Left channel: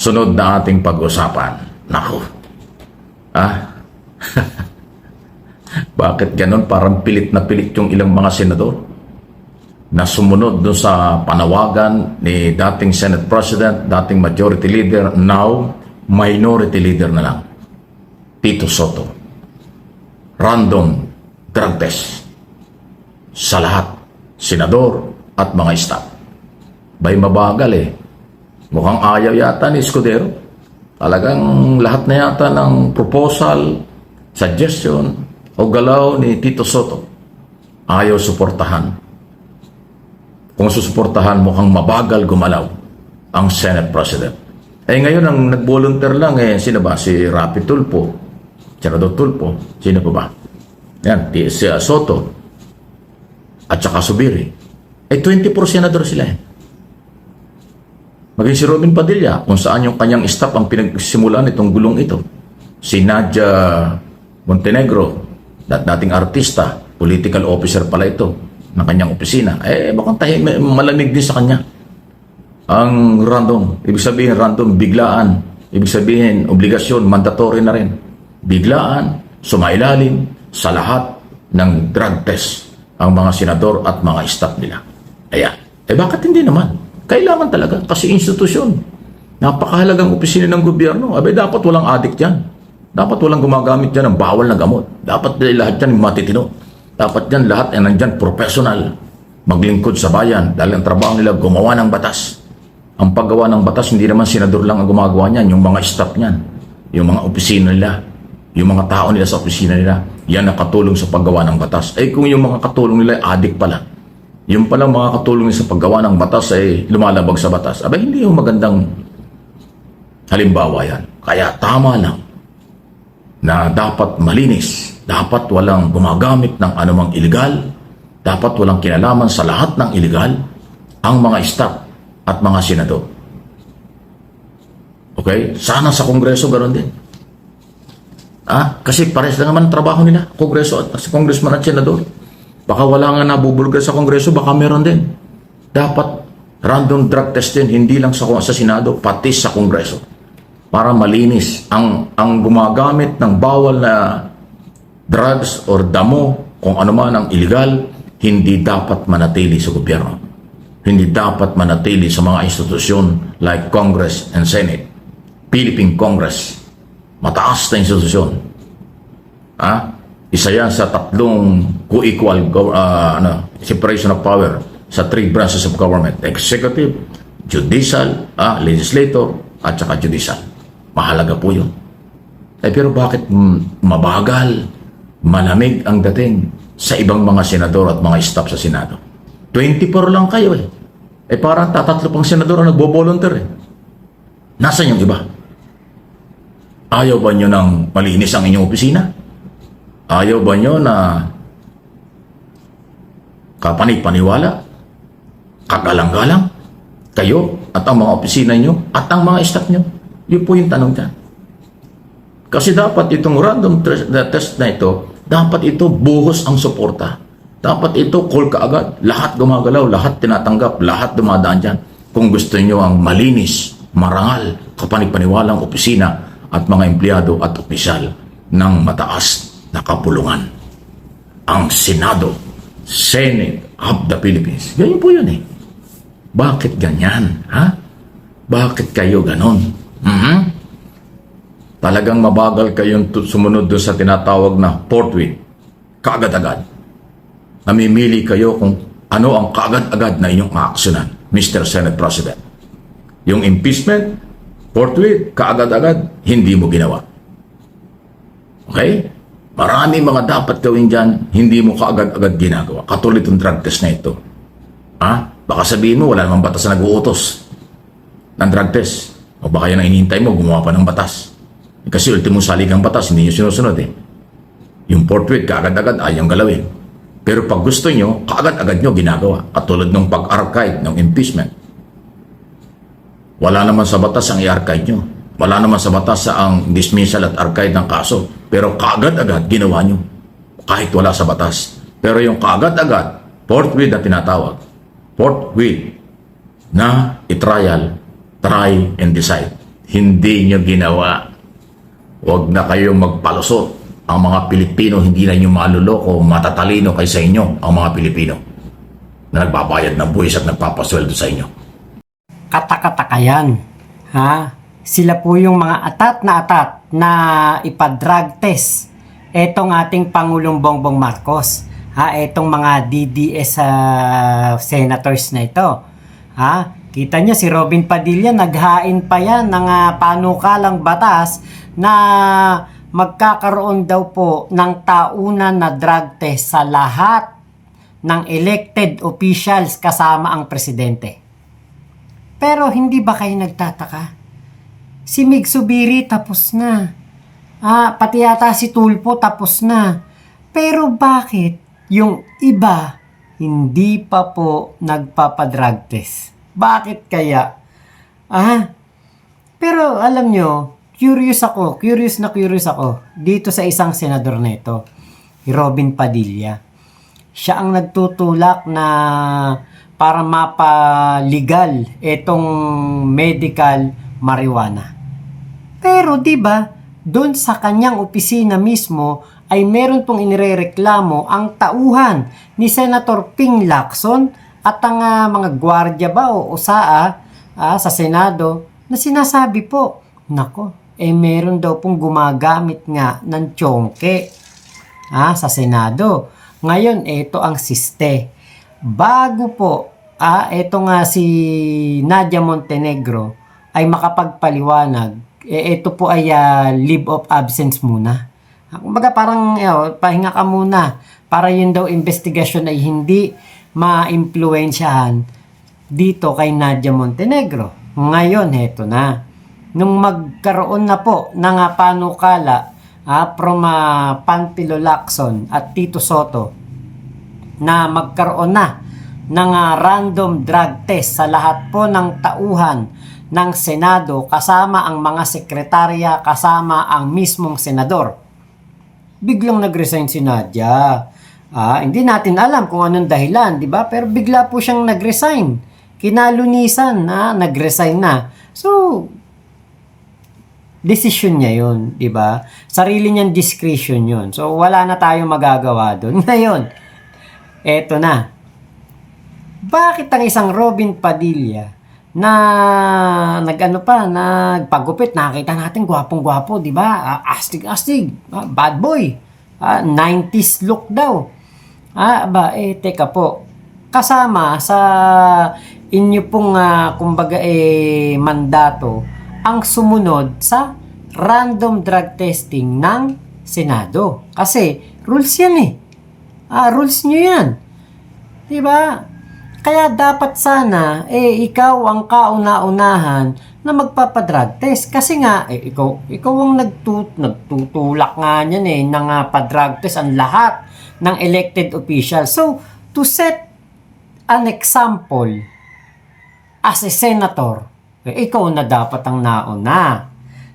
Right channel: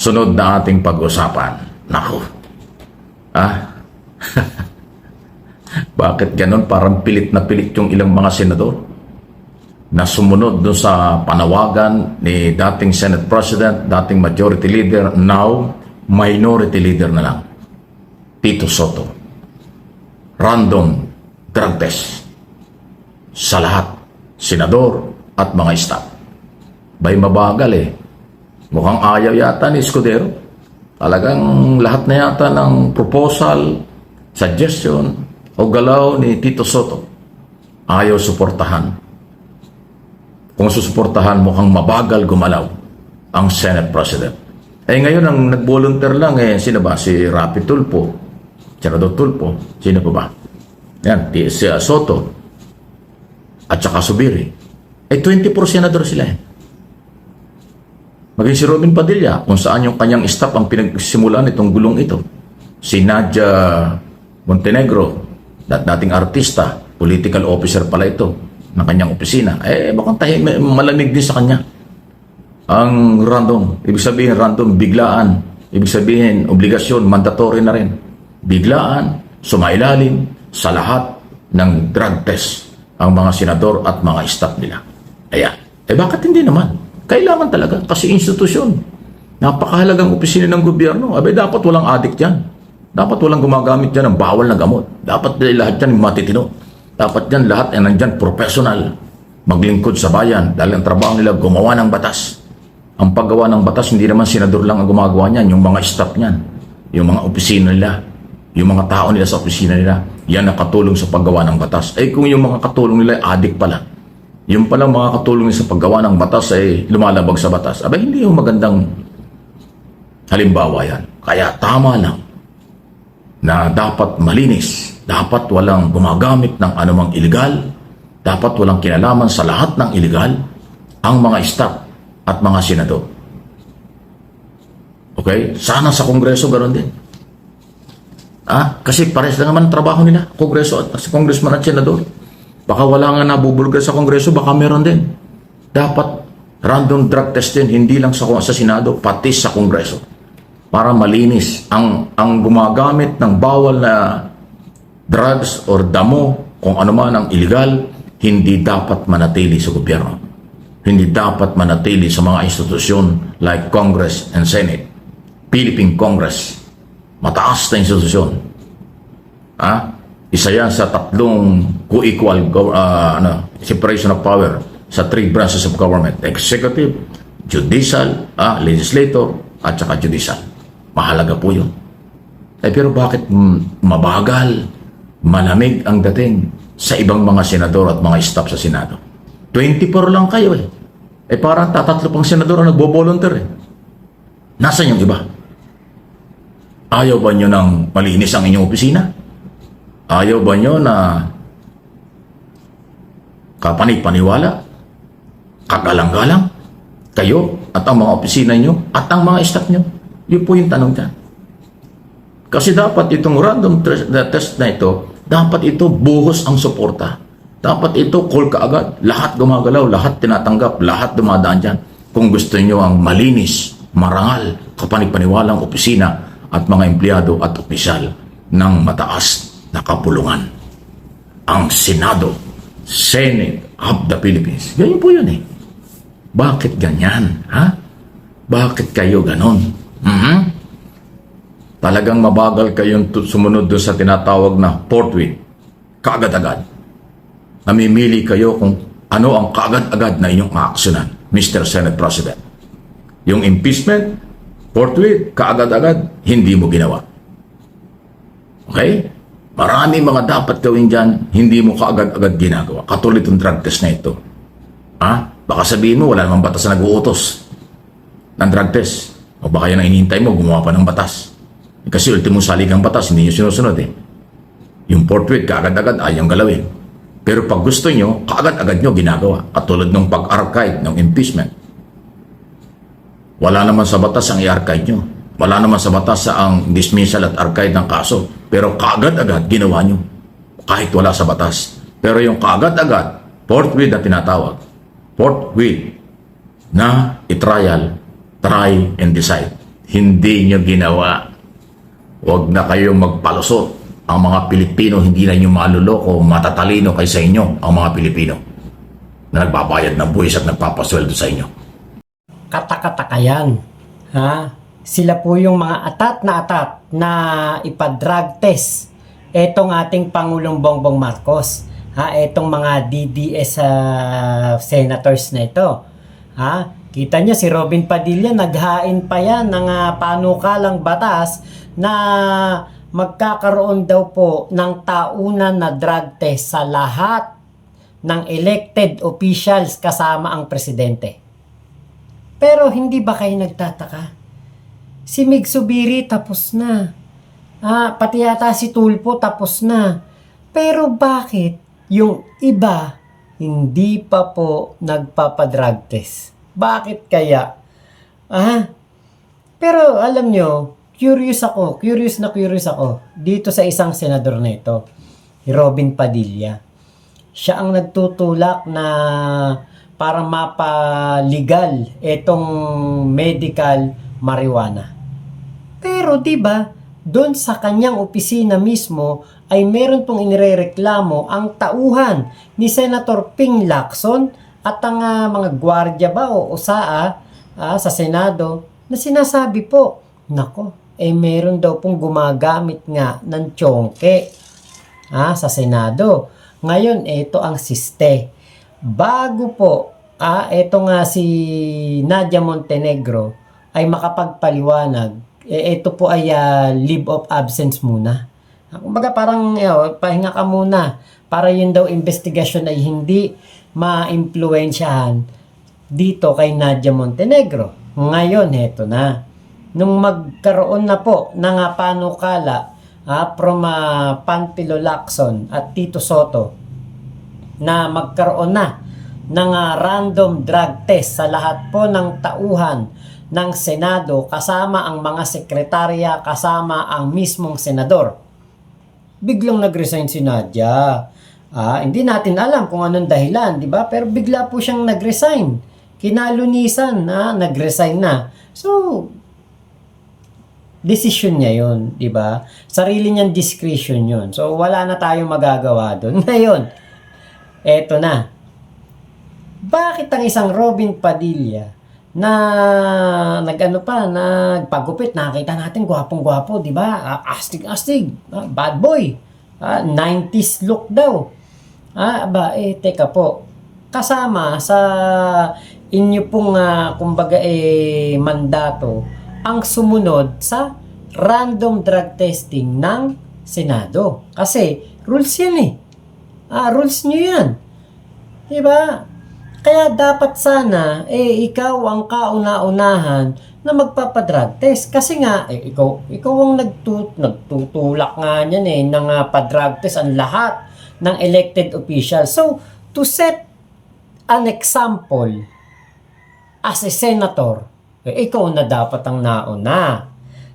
sunod na ating pag-usapan. Naku. Bakit ganon? Parang pilit na pilit yung ilang mga senador na sumunod doon sa panawagan ni dating Senate President, dating Majority Leader, now Minority Leader na lang, Tito Soto. Random drug test sa lahat, senador at mga staff. Bay mabagal eh. Mukhang ayaw yata ni Escudero. Talagang lahat na yata ng proposal, suggestion o galaw ni Tito Soto ayaw suportahan. Kung susuportahan, mukhang mabagal gumalaw ang Senate President. Ngayon ang nag-volunteer lang sino ba? Si Rapi Tulfo, Senador Tulfo, sino pa ba? Yan, si Soto at saka Subiri. 24 senador sila Maging si Robin Padilla, kung saan yung kanyang staff ang pinagsimulan itong gulong ito. Si Nadia Montenegro, dating artista, political officer pala ito ng kanyang opisina. Bakang malamig din sa kanya. Ang random, ibig sabihin random, biglaan. Ibig sabihin, obligasyon, mandatory na rin. Biglaan, sumailalim sa lahat ng drug test ang mga senador at mga staff nila. Ayan. Bakit hindi naman? Kailangan talaga kasi institusyon. Napakahalagang opisina ng gobyerno. Dapat walang addict yan. Dapat walang gumagamit dyan ng bawal na gamot. Dapat lahat dyan matitino. Dapat dyan lahat ay nandyan professional. Maglingkod sa bayan dahil ang trabaho nila gumawa ng batas. Ang paggawa ng batas, hindi naman senador lang ang gumagawa niyan. Yung mga staff niyan. Yung mga opisina nila. Yung mga tao nila sa opisina nila. Yan nakatulong sa paggawa ng batas. Kung yung mga katulong nila ay addict pala. Yung palang mga katulong sa paggawa ng batas ay lumalabag sa batas. Hindi yung magandang halimbawa yan. Kaya tama lang na dapat malinis. Dapat walang gumagamit ng anumang iligal. Dapat walang kinalaman sa lahat ng iligal ang mga staff at mga senador. Okay? Sana sa Kongreso ganoon din. Kasi pares lang naman trabaho nila, Kongreso at sa Congressman at senador. Baka wala nga nabubulgar sa Kongreso, baka meron din. Dapat random drug test din, hindi lang sa Senado, pati sa Kongreso. Para malinis ang gumagamit ng bawal na drugs or damo, kung ano man ang illegal, hindi dapat manatili sa gobyerno. Hindi dapat manatili sa mga institusyon like Congress and Senate. Philippine Congress, mataas na institusyon. Isa yan sa tatlong co-equal separation of power sa three branches of government. Executive, judicial, legislator, at saka judicial. Mahalaga po yun. Pero bakit mabagal, malamig ang dating sa ibang mga senador at mga staff sa Senado? 24 lang kayo parang tatatlo pang senador ang nagbo-volunteer Nasaan yung iba? Ayaw ba nyo ng malinis ang inyong opisina? Ayaw ba nyo na kapanipaniwala, kagalang-galang, kayo at ang mga opisina nyo at ang mga staff nyo? Yun po yung tanong dyan. Kasi dapat itong random test na ito, dapat ito buhos ang suporta. Dapat ito call ka agad. Lahat gumagalaw, lahat tinatanggap, lahat dumadaan dyan. Kung gusto nyo ang malinis, marangal, kapanipaniwalang opisina at mga empleyado at opisyal ng mataas na kapulungan. Ang Senado, Senate of the Philippines. Ganyan po yun Bakit ganyan? Bakit kayo ganon? Talagang mabagal kayong sumunod doon sa tinatawag na forthwith. Kaagad-agad. Namimili kayo kung ano ang kaagad-agad na inyong aaksyonan, Mr. Senate President. Yung impeachment, forthwith, kaagad-agad, hindi mo ginawa. Okay? Marami mga dapat gawin dyan, hindi mo kaagad-agad ginagawa. Katulad yung drug test na ito. Baka sabihin mo, wala namang batas na nag-uutos ng drug test. O baka yan ang hinihintay mo, gumawa pa ng batas. Kasi ultimo saligang batas, hindi nyo sinusunod Yung forthwith, kaagad-agad, ayaw galawin. Pero pag gusto nyo, kaagad-agad nyo ginagawa. Katulad ng pag-archive ng impeachment. Wala naman sa batas ang i-archive nyo. Wala naman sa batas ang dismissal at archive ng kaso. Pero kaagad-agad ginawa nyo. Kahit wala sa batas. Pero yung kaagad-agad, forthwith na tinatawag. Forthwith na i-trial, try and decide. hindi nyo ginawa. Huwag na kayong magpalusot. Ang mga Pilipino, hindi na nyo maluloko, matatalino kay sa inyo, ang mga Pilipino na nagbabayad ng buwis at nagpapasweldo sa inyo. Katakataka yan. Ha? Sila po yung mga atat na ipa-drug test etong ating Pangulong Bongbong Marcos. Ha? Etong mga DDS senators na ito. Ha? Kita nyo si Robin Padilla, naghain pa yan ng panukalang batas na magkakaroon daw po ng taunan na drug test sa lahat ng elected officials kasama ang presidente. Pero hindi ba kayo nagtataka? Si Mig Zubiri tapos na. Pati yata si Tulfo tapos na. Pero bakit yung iba hindi pa po nagpapadrug test? Bakit kaya? Pero alam nyo, curious ako dito sa isang senador na ito, Robin Padilla. Siya ang nagtutulak na para mapaligal itong medical marijuana. Pero 'di ba, doon sa kanyang opisina mismo ay meron pong inirereklamo ang tauhan ni Senator Ping Lacson at ang mga gwardiya ba o usaa sa Senado na sinasabi po, nako, meron daw pong gumagamit nga ng tiyongke sa Senado. Ngayon, ito ang siste. Bago po, ito nga si Nadia Montenegro ay makapagpaliwanag, ito po ay leave of absence muna. Kumbaga parang pahinga ka muna para yun daw investigasyon ay hindi ma-impluensyahan dito kay Nadia Montenegro. Ngayon, heto na. Nung magkaroon na po ng panukala from Panfilo Lacson at Tito Soto na magkaroon na ng random drug test sa lahat po ng tauhan ng Senado kasama ang mga sekretarya, kasama ang mismong senador. Biglang nag-resign si Nadia. Hindi natin alam kung anong dahilan, di ba? Pero bigla po siyang nag-resign. Kinalunisan na nag-resign na. So, decision niya yun, di ba? Sarili niyang discretion yun. So, wala na tayong magagawa doon. Ngayon, eto na. Bakit ang isang Robin Padilla na nagpagupit, nakita natin gwapong-gwapo, di ba? Astig-astig, bad boy. 90s look daw. Teka po. Kasama sa inyo pong mandato ang sumunod sa random drug testing ng Senado. Kasi rules yan rules nyo yan. Diba? Kaya dapat sana ikaw ang kauna-unahan na magpapadrug test. Kasi nga, ikaw ang nagtutulak nga niyan ng padrug test ang lahat ng elected officials. So, to set an example as a senator, ikaw na dapat ang nauna.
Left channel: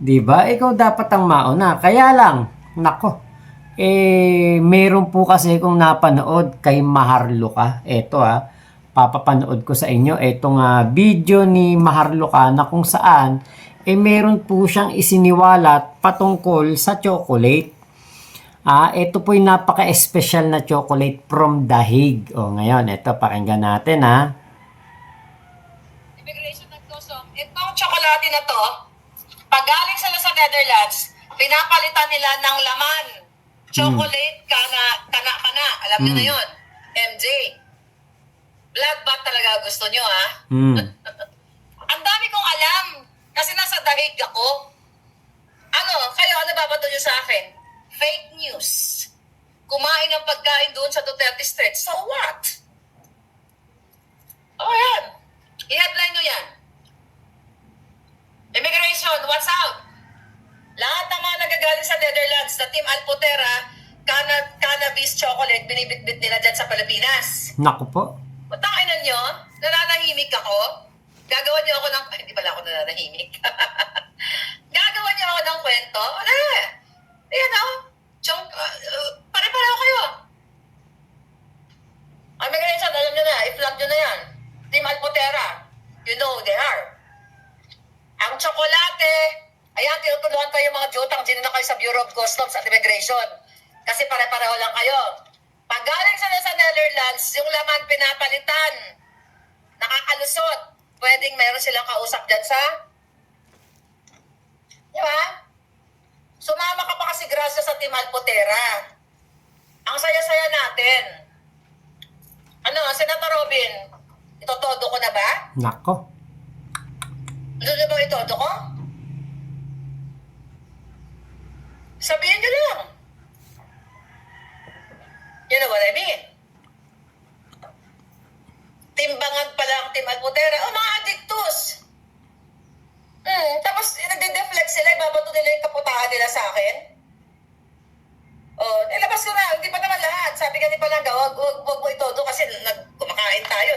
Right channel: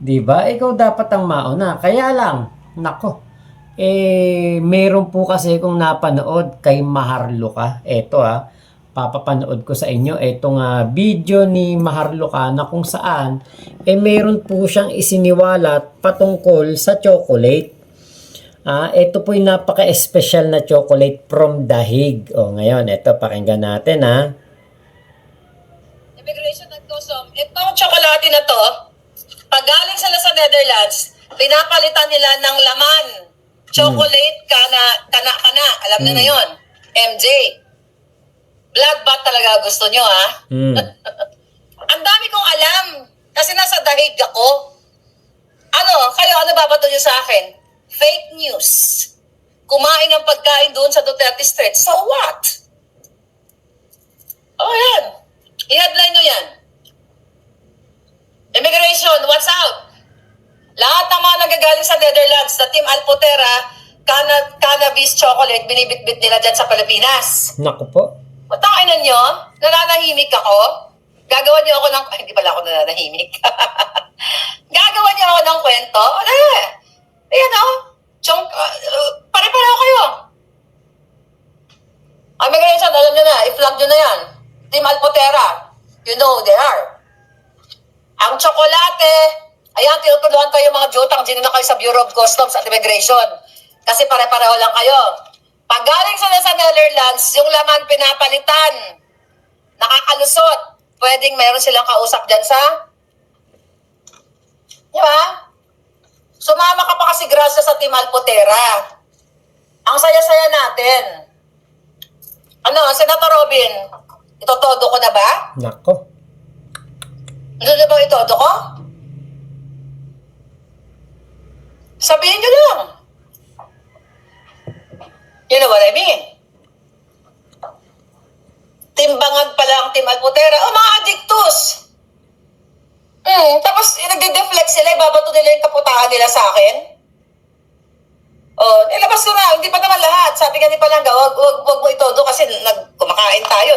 Diba? Ikaw dapat ang mauna. Kaya lang, nako, meron po kasi kung napanood kay Maharlika. Eto papapanood ko sa inyo itong video ni Maharlika na kung saan meron po siyang isiniwalat patungkol sa chocolate. Ito po yung napaka-espesyal na chocolate from Dahig. Ngayon, ito, pakinggan natin Immigration at Custom, itong tsokolate na to, pag galing sila sa Netherlands, pinapalitan nila ng laman. Chocolate, kana. Alam niyo na yun. MJ. Blood bath talaga gusto nyo, Ang dami kong alam. Kasi nasa Dahig ako. Ano babato nyo sa akin? Fake news. Kumain ng pagkain doon sa Duterte Street. So what? Yan. I-headline nyo yan. Immigration, what's out? Lahat ng mga nagagaling sa Netherlands na Team Alpotera, cannabis chocolate, binibitbit nila dyan sa Pilipinas. Naku po. Matangainan nyo? Nananahimik ako? Gagawan nyo ako ng... hindi pala ako nananahimik. Gagawan nyo ako ng kwento? Pare-pareho kayo. Immigration, alam nyo na, i-flag nyo na yan. Team Alpotera, you know they are. Ang tsokolate dati, ayan, tinutulungan kayo mga jutang, ginuna kayo sa Bureau of Customs at Immigration. Kasi pare-pareho lang kayo. Pag galing sila sa Netherlands, yung laman pinapalitan, nakakalusot. Pwedeng meron silang kausap dyan sa... Di ba? Sumama ka pa kasi Gracia sa Team Alpotera. Ang saya-saya natin. Ano, Senator Robin, itotodo ko na ba? Nako. Ano na ba itodo ko? Sabihin nyo lang. You know what I mean? Timbangag pala ang Team Alpotera. Oh, mga adictus! Tapos nagde-deflect sila, ibabato nila yung kaputahan nila sa akin. Oh, ilabas ko na, hindi pa naman lahat. Sabi ka ni Palangga, wag mo itodo kasi kumakain tayo.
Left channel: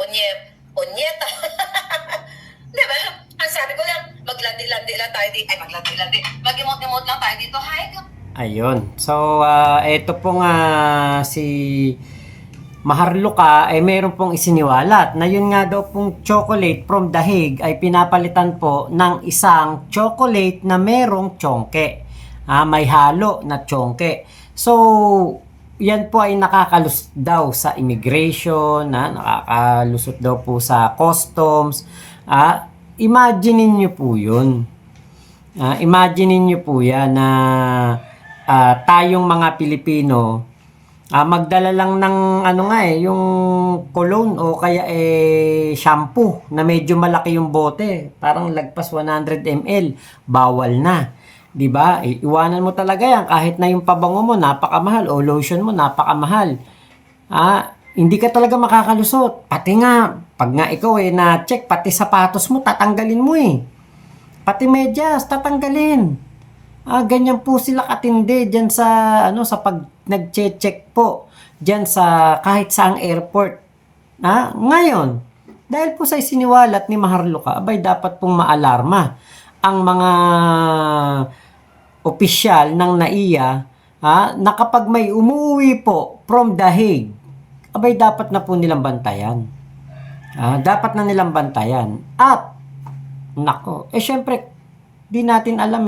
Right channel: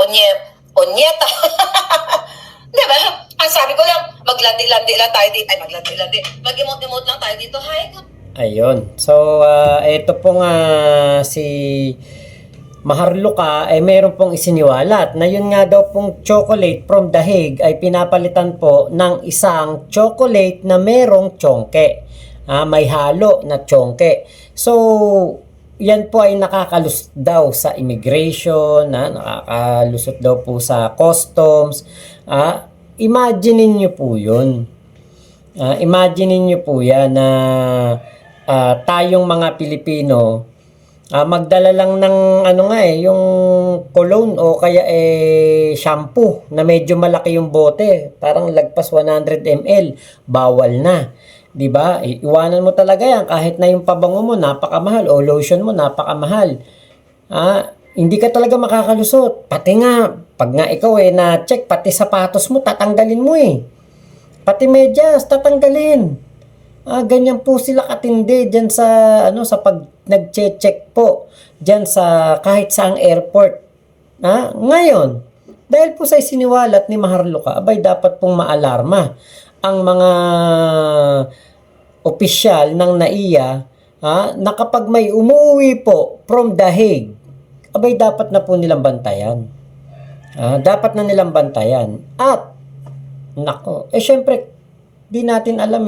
Onyeta. Di ba? Ang sabi ko lang, maglandi-landi lang tayo dito. Ay, maglandi-landi. Mag-emote-emote lang tayo dito. Hi, Ayun. So, ito pong si Maharluka ay meron pong isiniwalat na yun nga daw pong chocolate from The Hague ay pinapalitan po ng isang chocolate na merong tsongke. May halo na tsongke. So, yan po ay nakakalusot daw sa immigration, nakakalusot daw po sa customs. Imaginein nyo po yun. Imaginein nyo po yan na tayong mga Pilipino, magdala lang ng yung cologne o kaya shampoo na medyo malaki yung bote, parang lagpas 100 ml, bawal na. 'Di ba? Iwanan mo talaga yan kahit na yung pabango mo napakamahal o lotion mo napakamahal. Hindi ka talaga makakalusot. Pati nga pag nga ikaw na-check pati sapatos mo tatanggalin mo Pati medyas tatanggalin. Ganyan po sila katindi diyan sa sa pag nagche-check po diyan sa kahit saang airport. Ngayon, dahil po sa isiniwalat ni Maharluka, abay dapat pong maalarma ang mga opisyal ng NAIA na kapag may umuwi po from The Hague, abay dapat na po nilang bantayan. Dapat na nilang bantayan. At nako, syempre di natin alam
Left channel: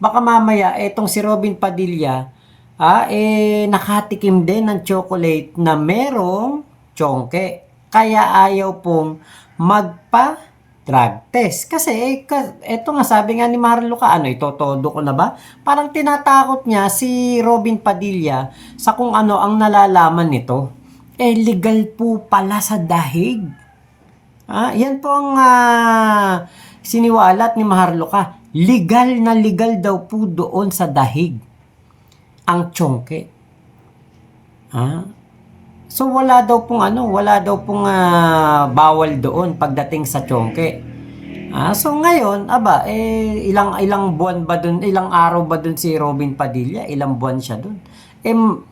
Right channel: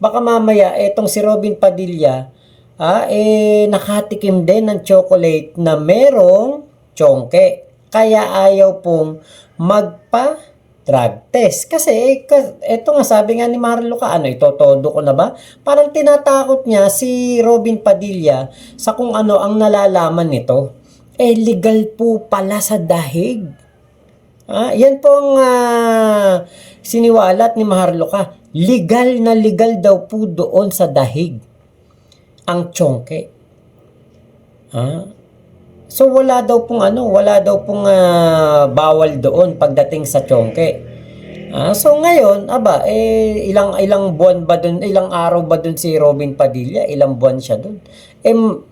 baka mamaya etong si Robin Padilla nakatikim din ng chocolate na merong tsongke. Kaya ayaw pong magpa-drug test. Kasi eto nga sabi nga ni Maharluka, itotodo ko na ba? Parang tinatakot niya si Robin Padilla sa kung ano ang nalalaman nito. Legal po pala sa The Hague. Yan po ang siniwalat ni Maharluka. Legal na legal daw po doon sa The Hague ang tsongke. So wala daw pong bawal doon pagdating sa tsongke. So ngayon, ilang buwan ba doon, ilang araw ba doon si Robin Padilla? Ilang buwan siya doon?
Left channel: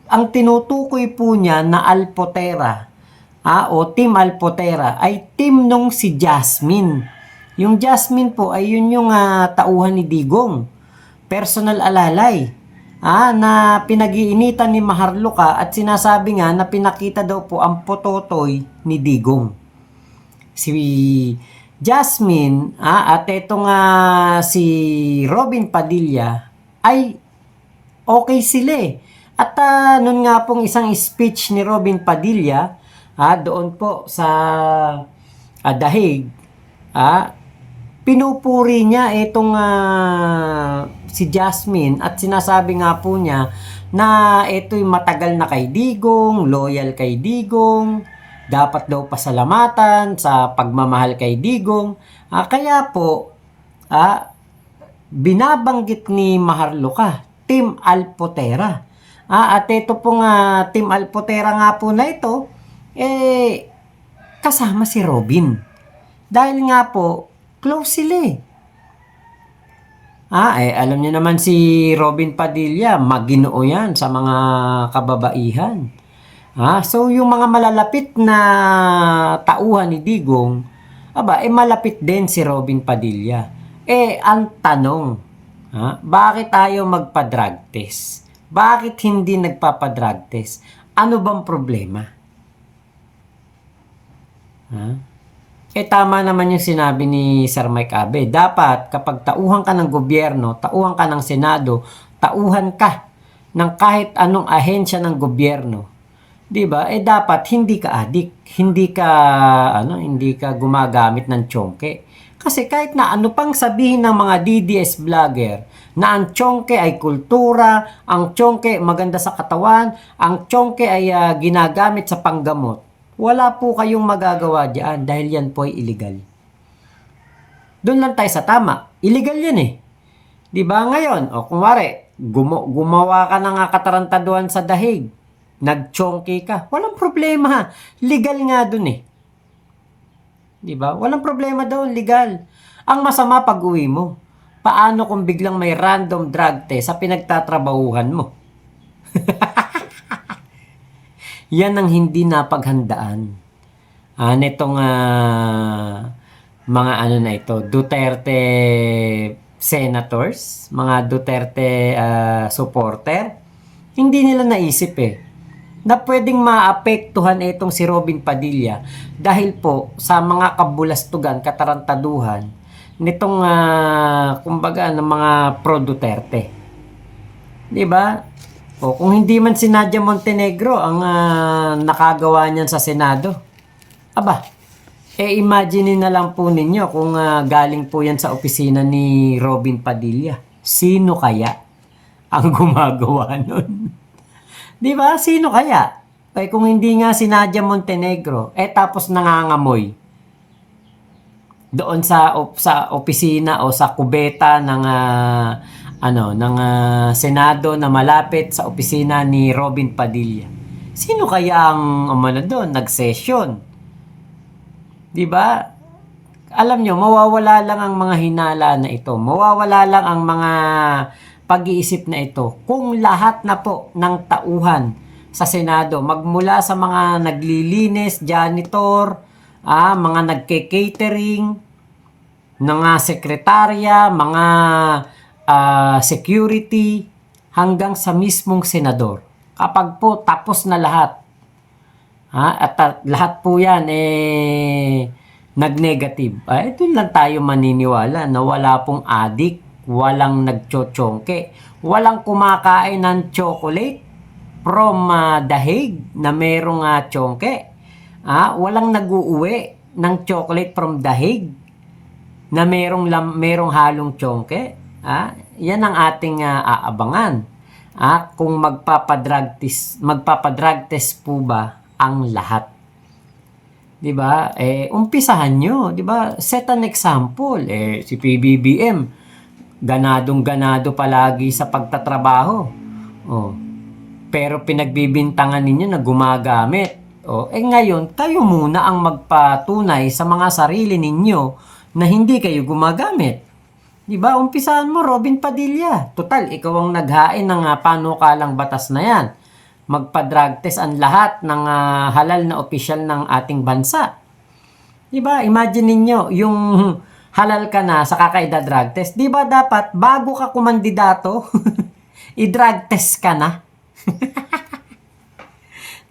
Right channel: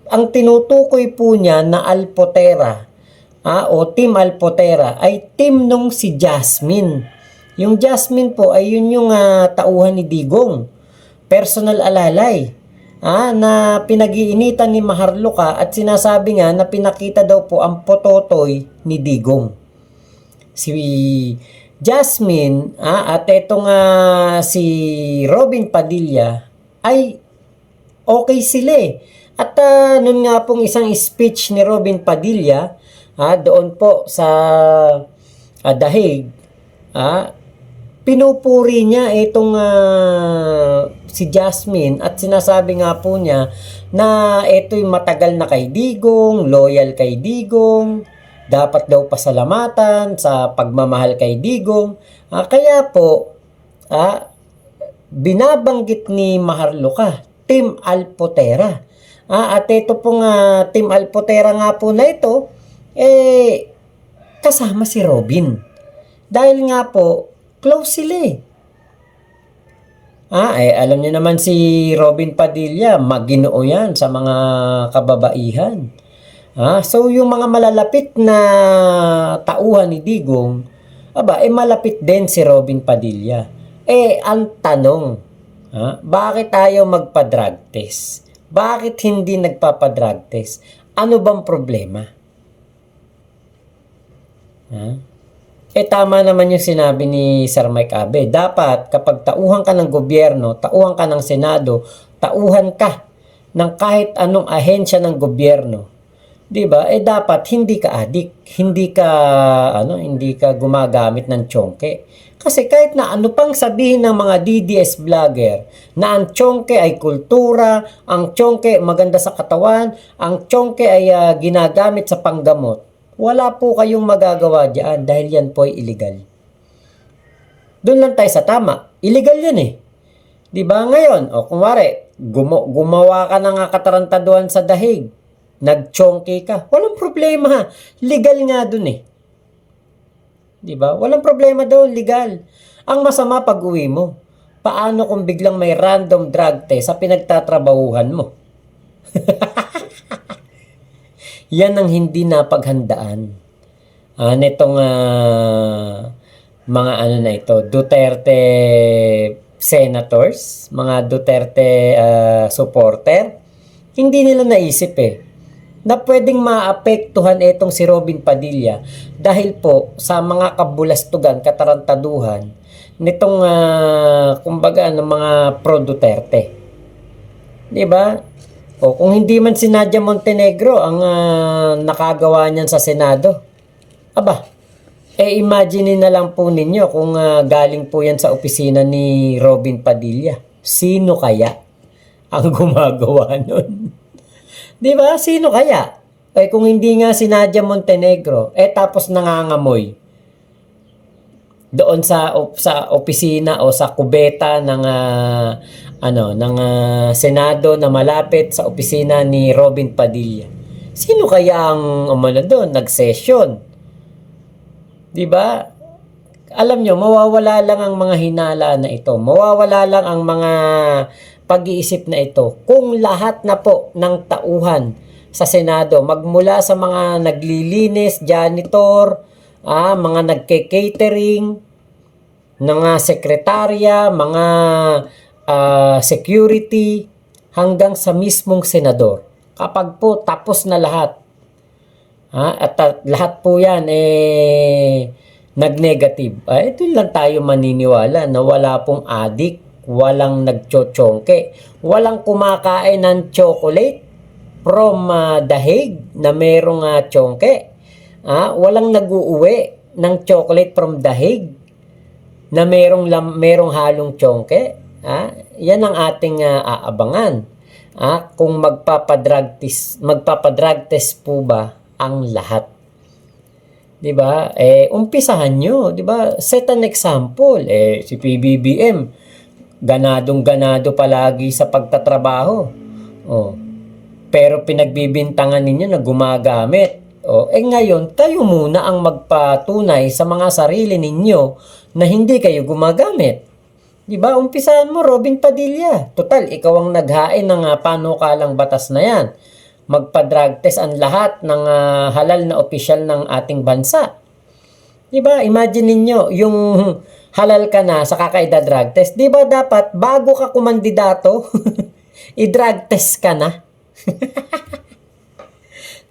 Ang tinutukoy po niya na Alpotera, o Team Alpotera ay team nung si Jasmine. Yung Jasmine po ay yun yung tauhan ni Digong. Personal alalay. Na pinag-iinitan ni Maharluka at sinasabi nga na pinakita daw po ang pototoy ni Digong. Si Jasmine at etong si Robin Padilla ay okay sila At nun nga pong isang speech ni Robin Padilla doon po sa The Hague, pinupuri niya itong si Jasmine at sinasabi nga po niya na ito'y matagal na kay Digong, loyal kay Digong, dapat daw pasalamatan sa pagmamahal kay Digong. Kaya po, binabanggit ni Maharluka, Team Alpotera. At ito pong Team Alpotera nga po na ito, kasama si Robin. Dahil nga po, close sila alam niyo naman si Robin Padilla, maginoo yan sa mga kababaihan. So yung mga malalapit na tauhan ni Digong, malapit din si Robin Padilla. Ang tanong, bakit tayo magpa-drug test? Bakit hindi nagpapa-drug test? Ano bang problema? Tama naman yung sinabi ni Sir Mike Abe. Dapat kapag tauhan ka ng gobyerno, tauhan ka ng Senado, tauhan ka ng kahit anong ahensya ng gobyerno, 'di ba? Dapat hindi ka adik, hindi ka gumagamit ng tsongke. Kasi kahit na ano pang sabihin ng mga DDS vlogger na ang tsongke ay kultura, ang tsongke maganda sa katawan, ang tsongke ay ginagamit sa panggamot, wala po kayong magagawa diyan dahil yan po ay illegal. Doon lang tayo sa tama. Illegal yan eh. 'Di ba ngayon? O kunwari, gumawa ka ng katarantaduhan sa dahig, nagtsongke ka, walang problema. Legal nga dun eh. 'Di ba? Walang problema daw, legal. Ang masama pag-uwi mo. Paano kung biglang may random drug test sa pinagtatrabahuhan mo? Yan ang hindi napaghandaan. Nitong mga ano na ito, Duterte senators, mga Duterte supporter, hindi nila naisip na pwedeng maapektuhan itong si Robin Padilla dahil po sa mga kabulastugan, katarantaduhan nitong kumbaga ng mga pro-Duterte. 'Di ba? O kung hindi man si Nadia Montenegro ang nakagawa niyan sa Senado, aba, imagine na lang po ninyo kung galing po yan sa opisina ni Robin Padilla. Sino kaya ang gumagawa nun? Di ba? Sino kaya? Kung hindi nga si Nadia Montenegro, tapos nangangamoy doon sa opisina o sa kubeta ng Senado na malapit sa opisina ni Robin Padilla. Sino kaya ang doon nag-session? 'Di ba? Alam nyo, mawawala lang ang mga hinala na ito. Mawawala lang ang mga pag-iisip na ito kung lahat na po ng tauhan sa Senado, magmula sa mga naglilinis, janitor, mga nagke-catering, mga sekretarya, mga security, hanggang sa mismong senador. Kapag po tapos na lahat, at lahat po yan nag-negative, doon lang tayo maniniwala na wala pong adik, walang nagchochongke, walang kumakain ng chocolate from dahig na merong chongke, walang nag-uuwi ng chocolate from dahig na merong halong chongke. Yan ang ating aabangan. Kung magpapadrug test po ba ang lahat. 'Di ba? Umpisahan nyo, 'di ba? Set an example. Si PBBM ganadong-ganado palagi sa pagtatrabaho. Pero pinagbibintangan ninyo na gumagamit. Ngayon, kayo muna ang magpatunay sa mga sarili ninyo na hindi kayo gumagamit. 'Di ba? Umpisahan mo, Robin Padilla. Total, ikaw ang naghain ng panukalang batas na 'yan. Magpa-drug test ang lahat ng halal na opisyal ng ating bansa. 'Di ba? Imagine niyo yung halal ka na sa kakaida-drug test. 'Di ba dapat bago ka kumandidato, i-drug test ka na?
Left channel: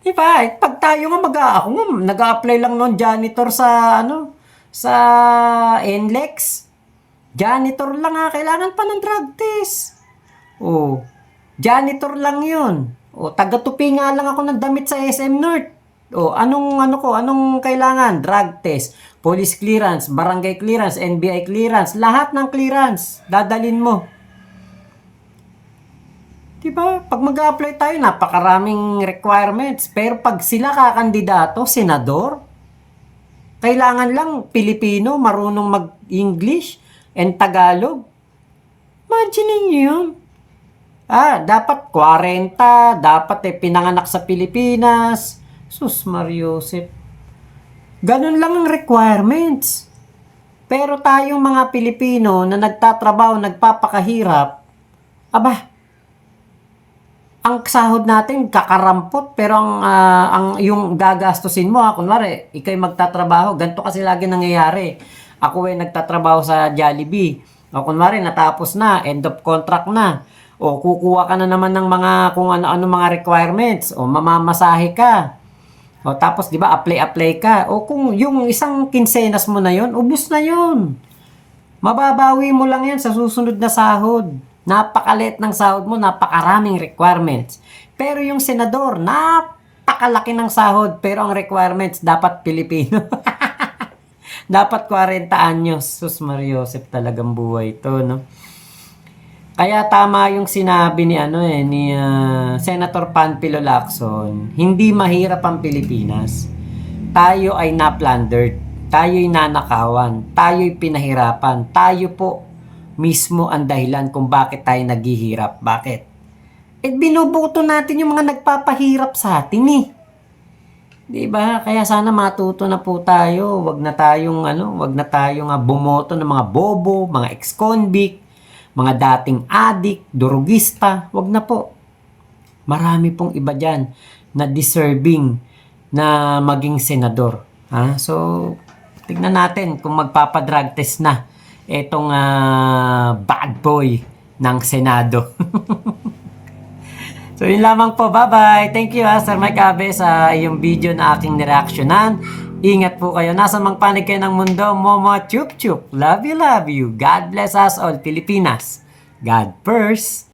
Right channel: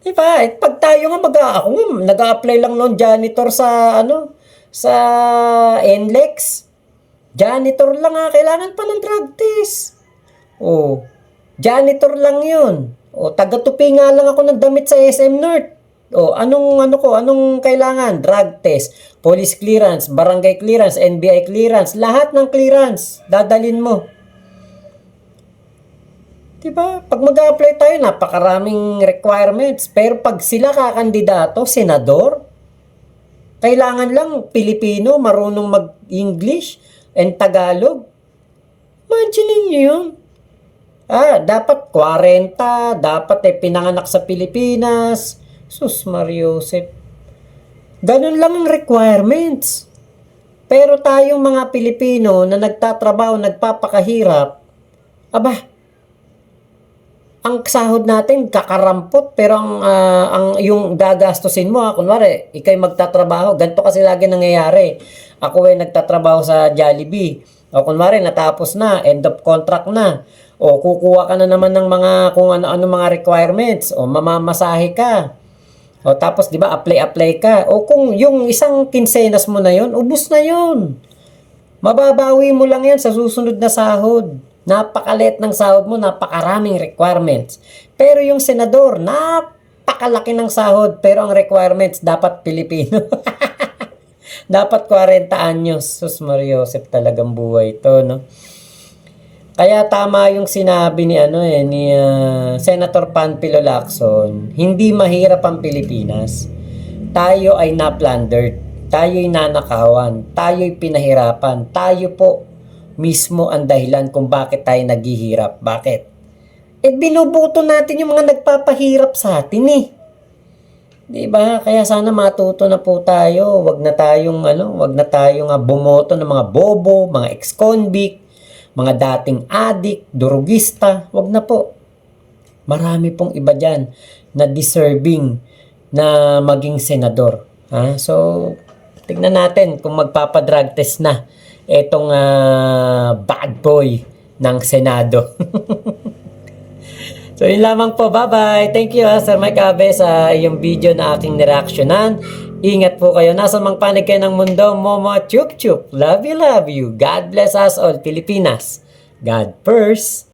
'Di ba? Pag tayo nga nag-a-apply lang noon janitor sa NLEX. Janitor lang kailangan pa ng drug test. Janitor lang 'yun. Taga-tupi nga lang ako ng damit sa SM North. Anong kailangan? Drug test, police clearance, barangay clearance, NBI clearance, lahat ng clearance dadalin mo. 'Di ba? Pag mag-a-apply tayo, napakaraming requirements. Pero pag sila kakandidato, senador, kailangan lang Pilipino, marunong mag-English and Tagalog. Imagine niyo 'yun. Dapat 40, dapat pinanganak sa Pilipinas. Sus Mariosep. Ganun lang ang requirements. Pero tayong mga Pilipino na nagtatrabaho, nagpapakahirap, ang sahod natin kakarampot, pero ang yung gagastusin mo, kunwari, ikay magtatrabaho, ganito kasi lagi nangyayari. Ako nagtatrabaho sa Jollibee. Kunwari, natapos na, end of contract na. Kukuha ka na naman ng mga kung ano-ano mga requirements. Mamamasahe ka. O tapos 'di ba apply ka. O kung yung isang kinsenas mo na 'yon, ubos na 'yon. Mababawi mo lang 'yan sa susunod na sahod. Napakaliit ng sahod mo, napakaraming requirements. Pero yung senador, napakalaki ng sahod pero ang requirements dapat Pilipino. Dapat 40 anyos. Sus Mariosep, talagang buhay 'to, no? Kaya tama yung sinabi ni Senator Panfilo Lacson, hindi mahirap ang Pilipinas. Tayo ay na-plundered, tayo'y nanakawan, tayo'y pinahirapan, tayo po mismo ang dahilan kung bakit tayo naghihirap. Bakit? Binubuto natin yung mga nagpapahirap sa atin eh. 'Di ba? Kaya sana matuto na po tayo. Wag na tayong bumoto ng mga bobo, mga ex-convict, mga dating adik, durugista, wag na po. Marami pong iba dyan na deserving na maging senador. Ha? So, tignan natin kung magpapadrug test na etong bad boy ng Senado. So, yun lamang po. Bye-bye. Thank you, Sir Mike Abe, sa iyong video na aking nireaksyonan. Ingat po kayo. Nasa mang panig kayo ng mundo. Momo chup chup. Love you, love you. God bless us all, Pilipinas. God first.